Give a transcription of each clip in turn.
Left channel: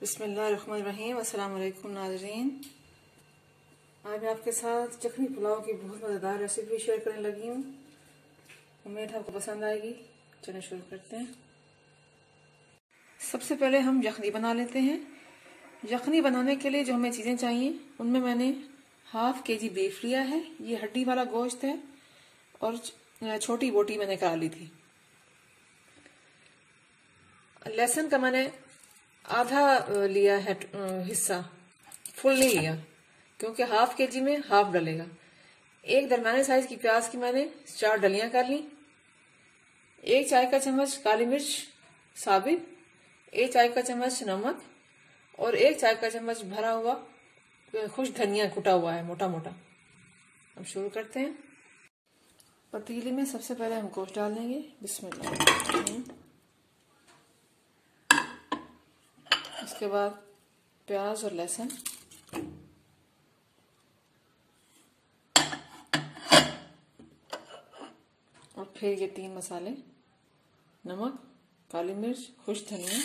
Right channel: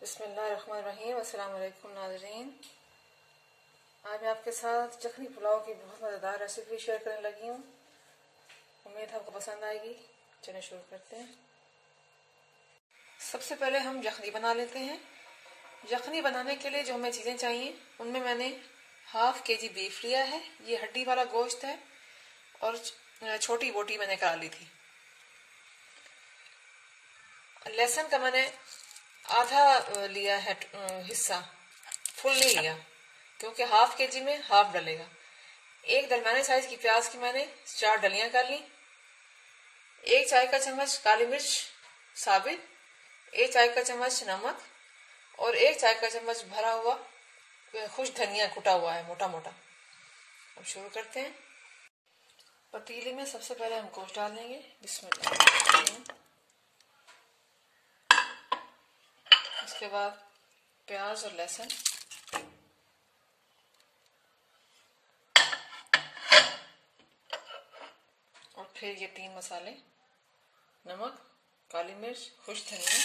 बिस्मिल्लाहिर्रहमानिर्रहीम। अस्सलाम वालेकुम नाज़रीन। आज मैं आपके साथ यखनी पुलाव की बहुत मज़ेदार रेसिपी शेयर करने लगी हूँ। उम्मीद आपको पसंद आएगी। चलिए शुरू करते हैं। सबसे पहले हम यखनी बना लेते हैं। यखनी बनाने के लिए जो हमें चीज़ें चाहिए उनमें मैंने हाफ केजी बीफ लिया है। ये हड्डी वाला गोश्त है और छोटी बोटी मैंने करा ली थी। लहसुन का मैंने आधा लिया है हिस्सा, फुल नहीं लिया क्योंकि हाफ केजी में हाफ डलेगा। एक दरमियाने साइज की प्याज की मैंने 4 डलियां कर ली। 1 चाय का चम्मच काली मिर्च साबित, 1 चाय का चम्मच नमक और 1 चाय का चम्मच भरा हुआ खुश धनिया कुटा हुआ है मोटा मोटा। अब शुरू करते हैं। पतीले में सबसे पहले हम गोश्त डाल देंगे। बिस्मिल्लाह। उसके बाद प्याज और लहसुन, और फिर ये 3 मसाले, नमक, काली मिर्च, खुश धनिया,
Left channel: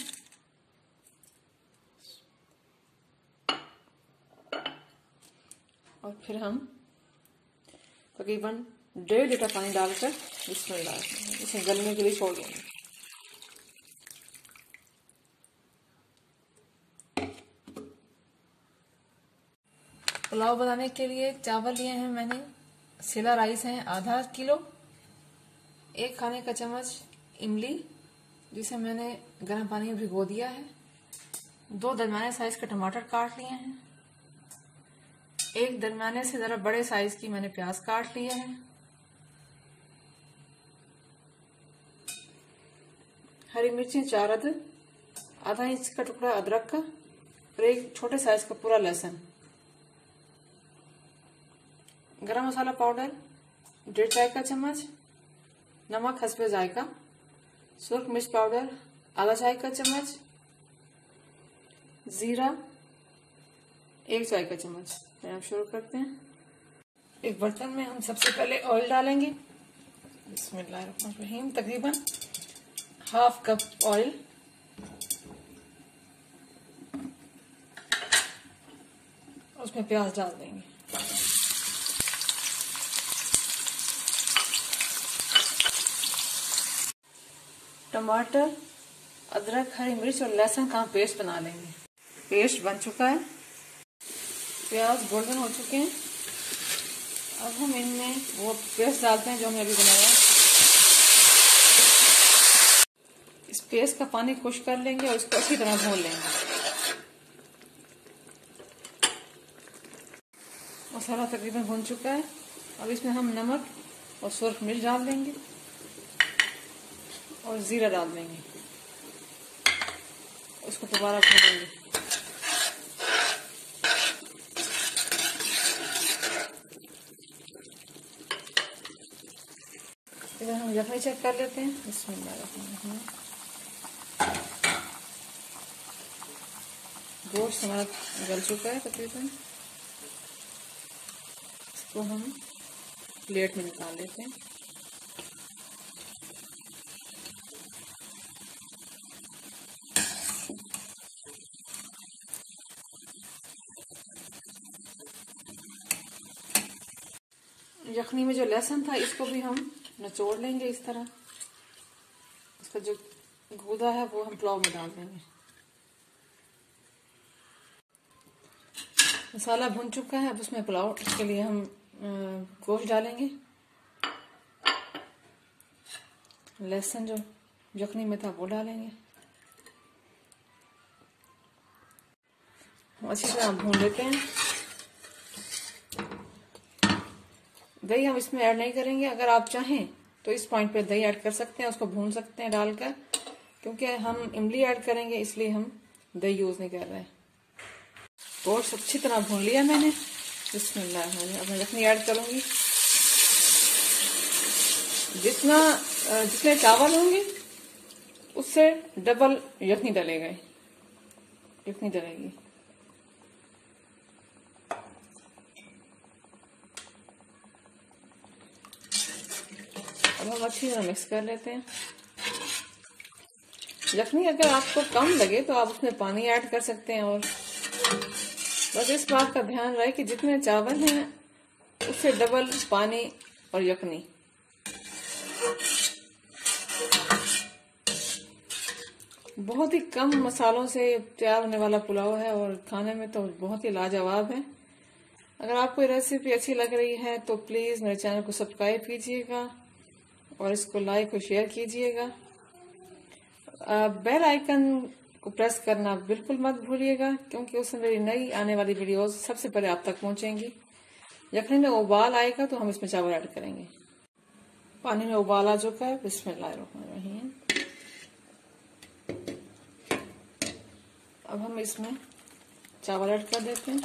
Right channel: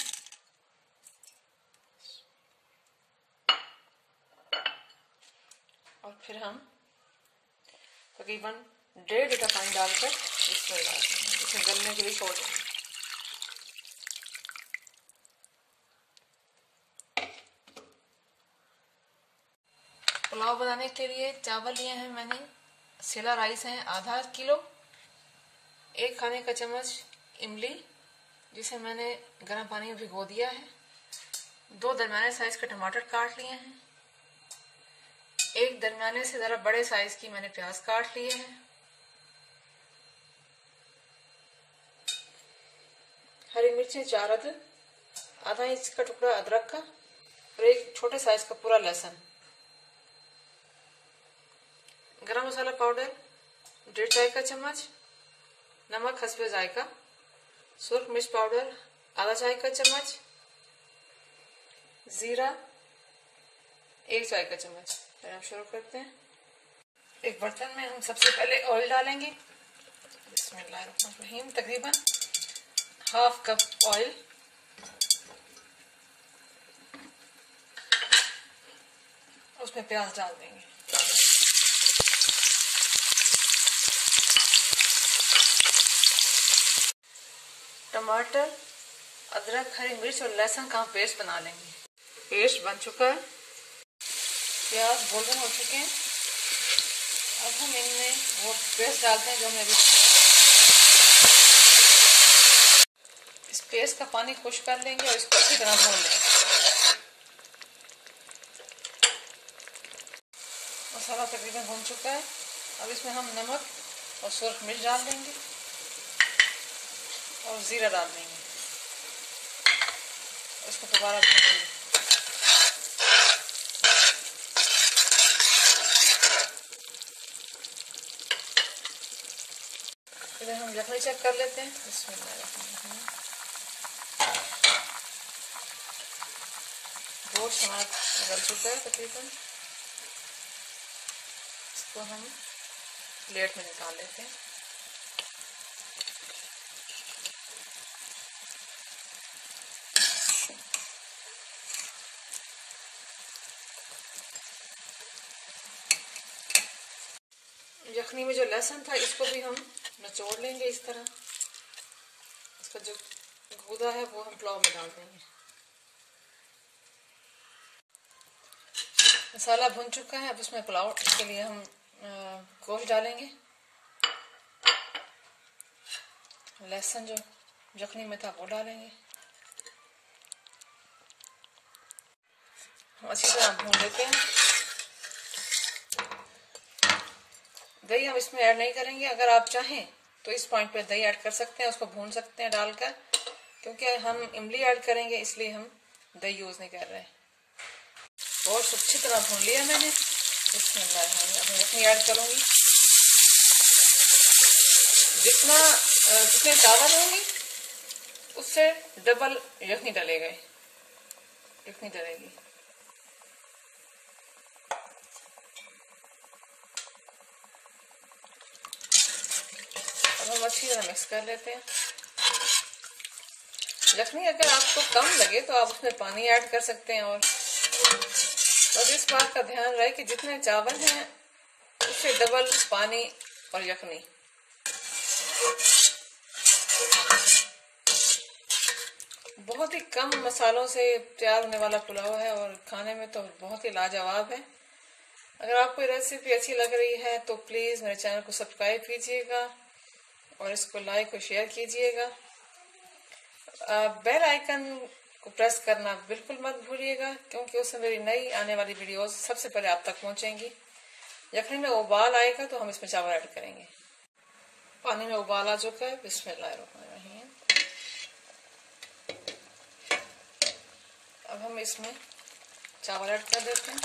और फिर हम तकरीबन 1.5 लीटर पानी डालकर इसे गलने के लिए छोड़ देंगे। पुलाव बनाने के लिए चावल लिए हैं मैंने, सेला राइस हैं आधा किलो, 1 खाने का चम्मच इमली जिसे मैंने गर्म पानी में भिगो दिया है, 2 दरमियाने साइज के टमाटर काट लिए हैं, 1 दरमियाने से ज़रा बड़े साइज की मैंने प्याज काट लिए हैं, हरी मिर्चें 4 अदद, आधा इंच का टुकड़ा अदरक का और 1 छोटे साइज का पूरा लहसुन, गरम मसाला पाउडर 1.5 चाय का चम्मच, नमक हस्बे जायका, सुर्ख मिर्च पाउडर आधा चाय का चम्मच, जीरा 1 चाय का चम्मच। फिर हम शुरू करते हैं। एक बर्तन में हम सबसे पहले ऑयल डालेंगे। बिस्मिल्लाहिर्रहमानिर्रहीम। तकरीबन हाफ कप ऑयल, उसमें प्याज डाल देंगे। टमाटर, अदरक, हरी मिर्च और लहसुन का पेस्ट बना लेंगे। पेस्ट बन चुका है, प्याज गोल्डन हो चुके हैं। अब हम इनमें वो पेस्ट डालते हैं जो हमने अभी बनाया। इस पेस्ट का पानी खुश्क कर लेंगे और इसको अच्छी तरह भून लेंगे। मसाला तकरीबन भून चुका है। अब इसमें हम नमक और सुर्ख मिर्च डाल देंगे और जीरा डाल देंगे। इसको दोबारा भूनेंगे। इधर हम यखनी चेक कर लेते हैं। बिस्मिल्लाह। गोश्त हमारा गल चुका है तकरीबन। इसको हम प्लेट में निकाल लेते हैं। यखनी में जो लहसुन था इसको भी हम निचोड़ लेंगे इस तरह। इसका जो गूदा है वो हम पुलाव में डाल देंगे। मसाला भुन चुका है। अब उसमें पुलाव के लिए हम गोश्त डालेंगे। लहसुन जो यखनी में था वो डालेंगे। हम अच्छी तरह भून लेते हैं। दही हम इसमें ऐड नहीं करेंगे। अगर आप चाहें तो इस पॉइंट पे दही ऐड कर सकते हैं, उसको भून सकते हैं डालकर, क्योंकि हम इमली ऐड करेंगे इसलिए हम दही यूज नहीं कर रहे हैं। गोश्त अच्छी तरह भून लिया मैंने। बिस्मिल्लाह। अब मैं यखनी ऐड करूंगी। जितने चावल होंगे उससे डबल यखनी डलेगी। अब हम अच्छी तरह मिक्स कर लेते हैं। यखनी अगर आपको कम लगे तो आप उसमें पानी ऐड कर सकते हैं, और बस इस बात का ध्यान रहे कि जितने चावल हैं उससे डबल पानी और यखनी। बहुत ही कम मसालों से तैयार होने वाला पुलाव है और खाने में तो बहुत ही लाजवाब है। अगर आपको ये रेसिपी अच्छी लग रही है तो प्लीज़ मेरे चैनल को सब्सक्राइब कीजिएगा और इसको लाइक और शेयर कीजिएगा। बेल आइकन को प्रेस करना बिल्कुल मत भूलिएगा, क्योंकि उससे मेरी नई आने वाली वीडियोस सबसे पहले आप तक पहुंचेंगी। यखनी में उबाल आएगा तो हम इसमें चावल ऐड करेंगे। पानी में उबाल आ चुका है, बिस्मिल्लाहिर्रहमानिर्रहीम। अब हम इसमें चावल ऐड कर देते हैं।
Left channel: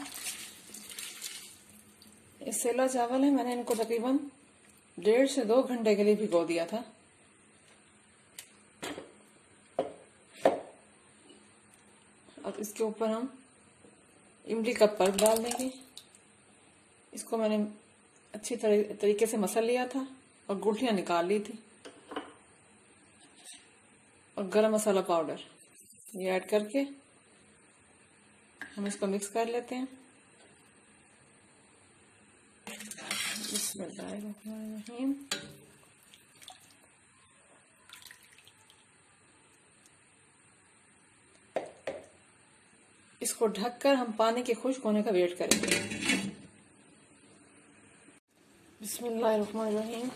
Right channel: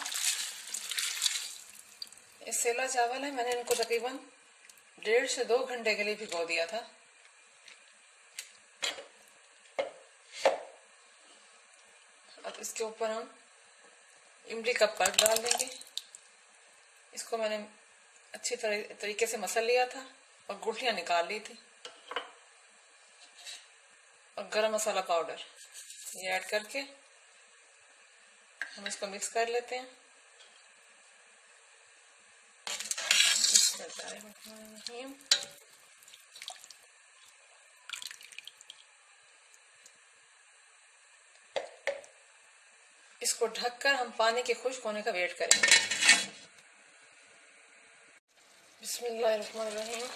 ये सेला चावल है, मैंने इनको तकरीबन 1.5 से 2 घंटे के लिए भिगो दिया था। अब इसके ऊपर हम इमली का पल्प डाल देंगे। इसको मैंने अच्छी तरीके से मसल लिया था और गुठलियां निकाल ली थी, और गरम मसाला पाउडर ये ऐड करके हम इसको मिक्स कर लेते हैं। बिस्मिल्लाहिर्रहमानिर्रहीम। इसको ढककर हम पानी के खुश्क होने का वेट करेंगे। बिस्मिल्लाहिर्रहमानिर्रहीम।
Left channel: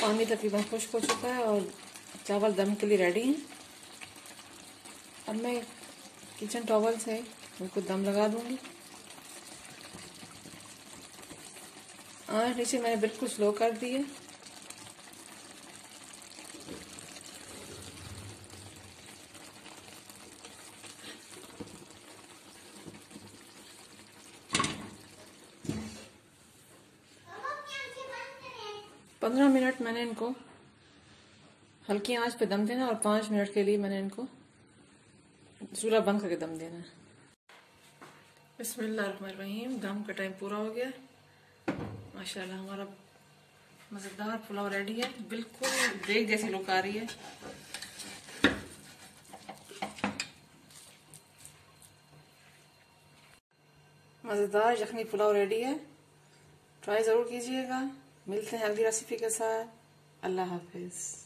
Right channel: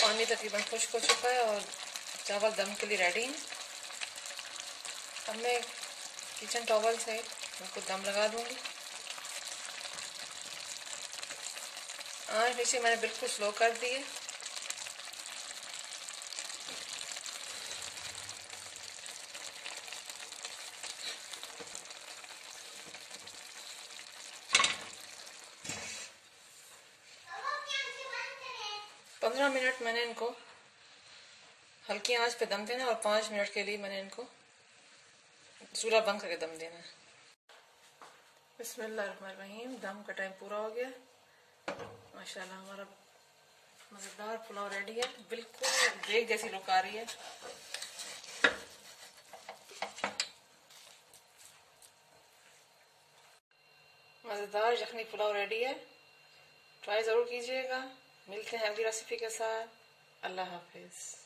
पानी तकरीबन खुश्क हो चुका है और चावल दम के लिए रेडी हैं। अब मैं किचन टॉवल से इनको दम लगा दूंगी। आँच नीचे मैंने बिल्कुल स्लो कर दी है। पंद्रह मिनट मैंने इनको हल्की आंच पे दम देना, और 5 मिनट के लिए मैंने इनको चूल्हा बंद करके दम देना है। बिस्मिल्लाहिर्रहमानिर्रहीम। दम का टाइम पूरा हो गया। माशाल्लाह हमारा मज़ेदार पुलाव रेडी है। बिल्कुल देग जैसी लुक आ रही है। मज़ेदार यखनी पुलाव रेडी है। ट्राई ज़रूर कीजिएगा। मिलते हैं अगली रेसिपी के साथ। अल्लाह हाफिज़।